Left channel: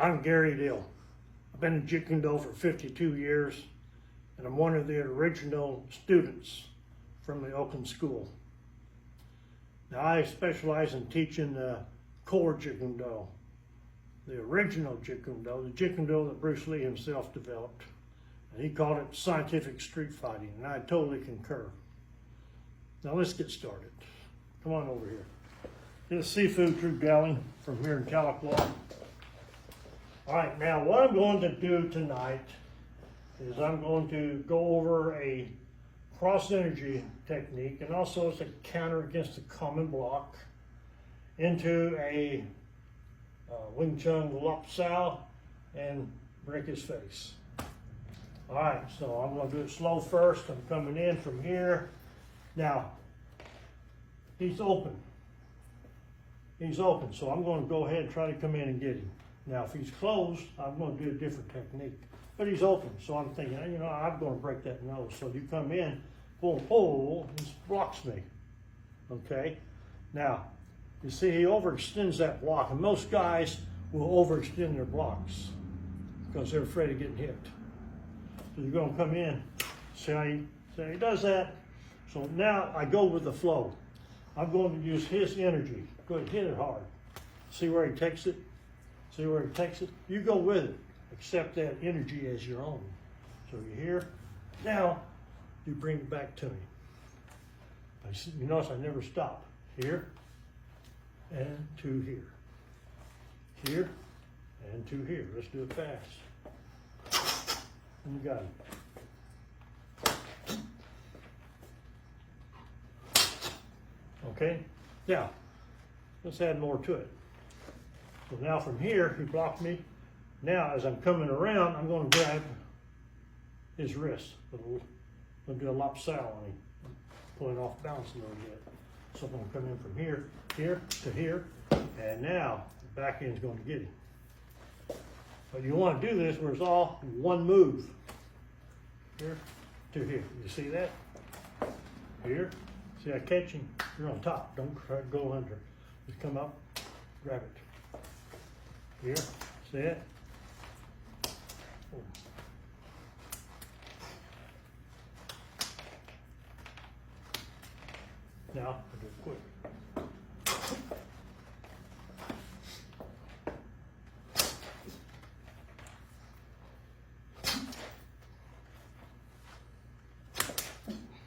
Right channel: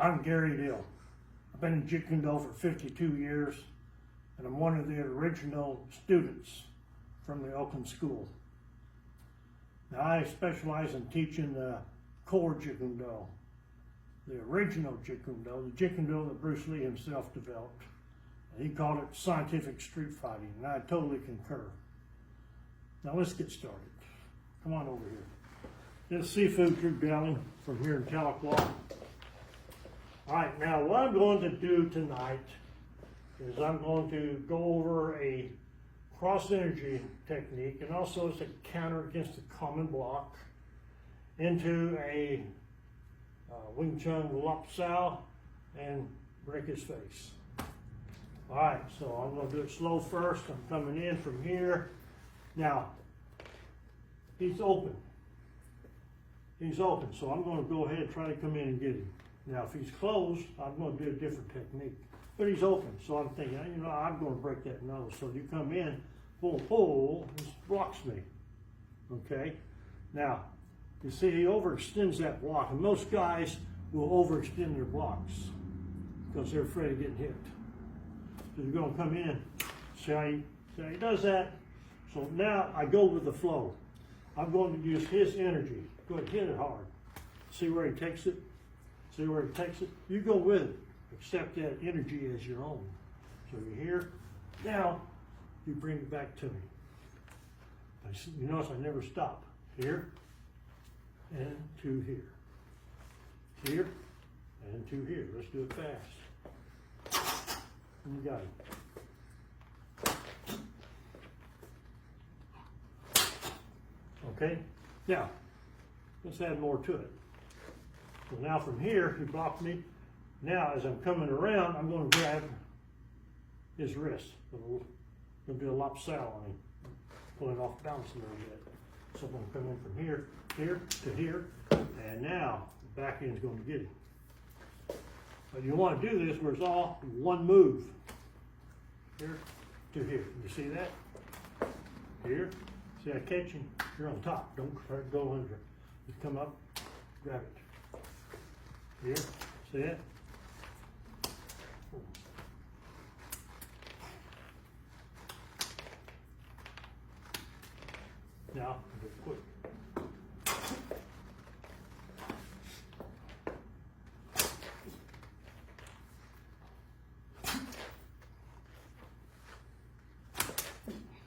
I'm Gary Dill. I've been in Jeet for 52 years, and I'm one of the original students from the Oakland school. Now I specialize in teaching the core Jeet, the original Jeet, the Jeet that Bruce Lee himself developed. And he called it scientific street fighting, and I totally concur. Now let's get started. Come on over here. This is Seafood Crew Deli from here in Tahlequah. All right, now what I'm going to do tonight is I'm going to go over a cross energy technique, and also as a counter against a common block into a Wing Chun Lop Sao and break his face. All right, so I'm going to do it slow first. I'm coming in from here. Now, he's open. He's open, so I'm going to go ahead and try to come in and get him. Now, if he's closed, I'm going to do a different technique. But he's open, so I'm thinking, you know, I'm going to break that nose. So you come in, pull, he blocks me. Okay? Now, you see, he overextends that block, and most guys will overextend their blocks because they're afraid of getting hit. So you're going to come in, see how he does that. So now I go with the flow. I'm going to use his energy. Go ahead, hit it hard. See where he takes it? See where he takes it? You go with it. Accept that energy as your own. So you're here. Now, you bring it back to me. You notice I never stop. Here, and to here. Here, and to here. Let's do it fast. And you got it. Okay? Now, let's add more to it. So now from here, he blocked me. Now, as I'm coming around, I'm going to grab his wrist. I'm going to do a Lop Sao on him, pulling off balance a little bit. So I'm going to come in from here, here to here, and now the back end's going to get him. But you want to do this where it's all one move. Here to here. You see that? Here. See, I catch him. You're on top. Don't try to go under. Just come up, grab it. Here. See it? Now, I'll do it quick.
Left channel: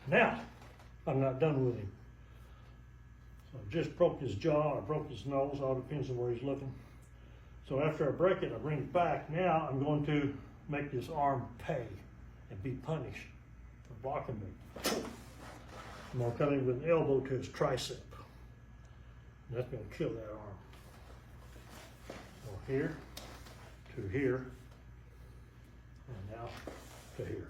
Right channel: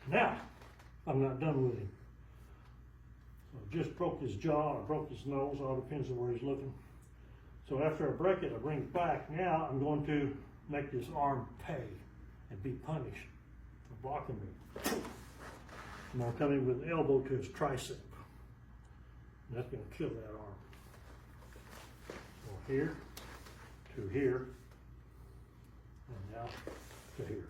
Now, I'm not done with him. So I just broke his jaw, I broke his nose, all depends on where he's looking. So after I break it, I bring it back. Now I'm going to make this arm pay and be punished for blocking me. I'm going to come in with an elbow to his tricep. And that's going to kill that arm. So here, to here, and now to here.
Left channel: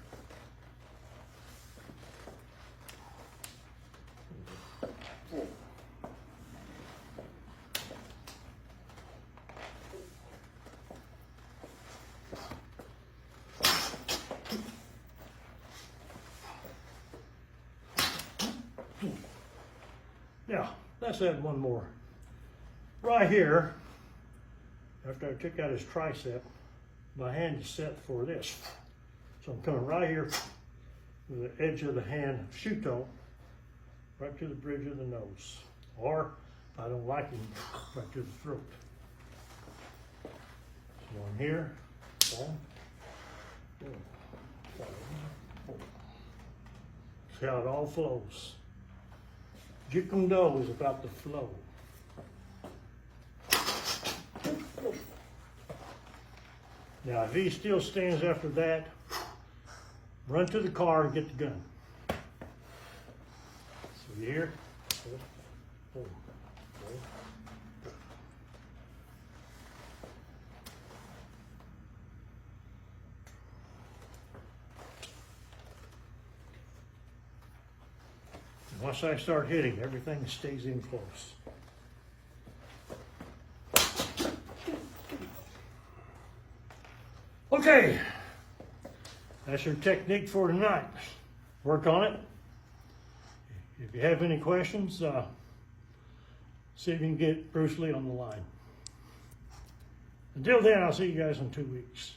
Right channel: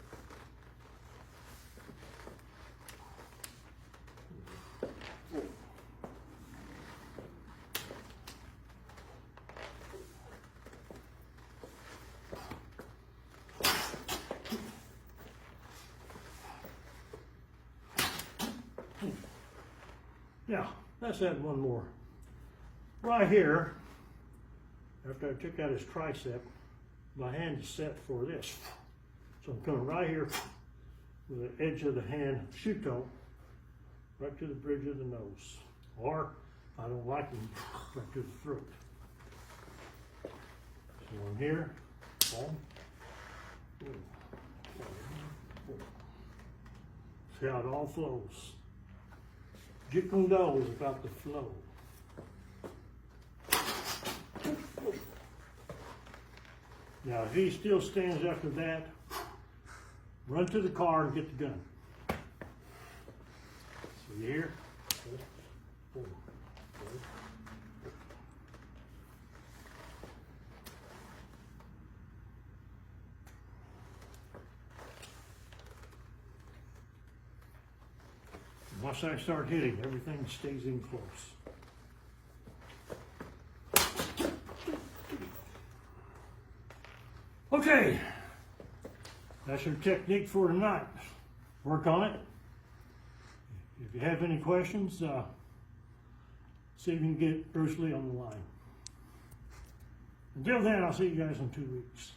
Now, let's add one more. Right here, after I took out his tricep, my hand is set for this. So I'm coming right here with the edge of the hand, shuto, right to the bridge of the nose. Or, if I don't like him, right to the throat. So I'm here, boom, boom, boom. See how it all flows. Jeet is about the flow. Now, if he still stands after that, run to the car and get the gun. So you hear? Once I start hitting, everything stays in close. Okay, that's your technique for tonight. Work on it. If you have any questions, see if you can get Bruce Lee on the line. Until then, I'll see you guys in 2 weeks.